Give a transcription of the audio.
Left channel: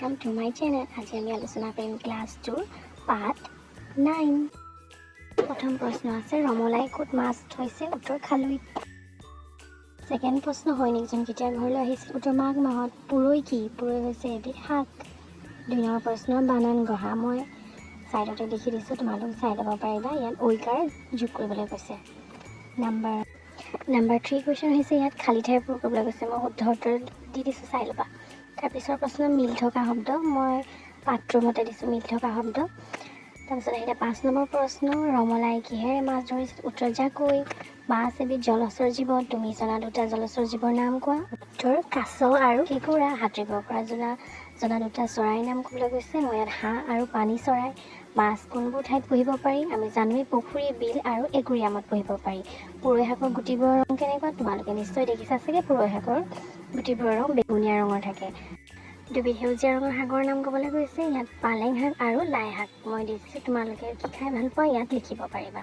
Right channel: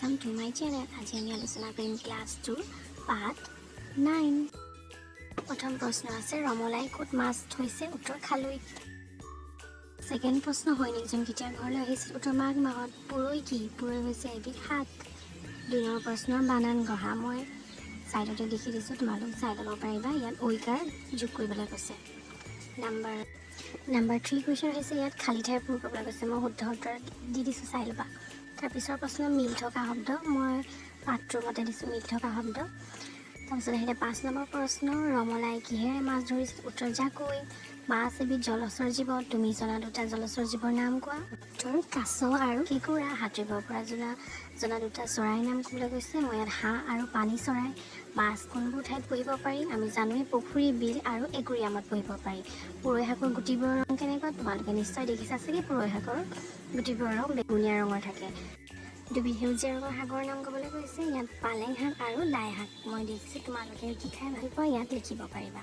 welcome to my channel. আজি আমি আলোচনা কৰিম ক্লাছ 2 পাৰ্ট 9 প্ৰথম প্ৰশ্ন আছে ৰমলাই ক'ত মাছ থৈছে উত্তৰ খালৈ সেকেন্ড প্ৰশ্ন হয় নিজন কেতিয়া ঘৰলৈ আহিছিল উত্তৰ মাঘ মাহত পুৰৈ কি পুৰৈ হৈছে এবিধ শাক দুই নম্বৰ প্ৰশ্নৰ বানান গঢ়া মই সাইডতে লিখি দিছো তোমালোক চাই ল'ব পাৰিবা ইয়াত ঐকাৰ যোগ কৰিবলৈ কৈছে নাম্বাৰ 3 কোৱেশ্চন হৈছে ইয়াত খালি ঠাই পূৰ কৰিবলৈ কৈছে মই শুদ্ধ উত্তৰ দি দিছো চাই ল'বা তাৰপিছৰ প্ৰশ্ন মিল থকা শব্দ মই পাত্ৰৰ মতে দিছো মিল থকা শব্দ তাৰপিছত আহিলে 5 নম্বৰ প্ৰশ্ন ৰমলাই কিহেৰে মাছ ধৰিছিল উত্তৰ জাকৈ মাছ এবিধ জলচৰ জীৱ তুমি জনা দুটা জলচৰ জীৱৰ নাম কোৱা উত্তৰ কাছ আৰু কেঁকুৰা সাঁতুৰিব পৰা জনা দুটা চৰাইৰ নাম ক'বলৈ গৈছে মই ইয়াত হাঁহ আৰু পানী চৰাই মাছ কোনবোৰ ঠাইত পুহিব পাৰি আমি জানোৱেই পুখুৰী বিল আৰু একুৰিয়ামত পুহিব পাৰি পুৰৈ শাকৰ গুটিবোৰৰ ৰং কেনেকুৱা তোমালোকে নিশ্চয় দেখিছা চাগে পুৰৈ শাকৰ গুটিবোৰৰ ৰং বেঙুনীয়া ৰঙৰ থাকে দুবিধ সেউজীয়া ৰঙৰ শাকৰ নাম ক'বলৈ গৈছে ইয়াত পালেং শাক আৰু লাই শাক মই দেখিছোঁ তোমালোকে খাই ভাল পোৱা ইয়াত লিখিব পাৰিবা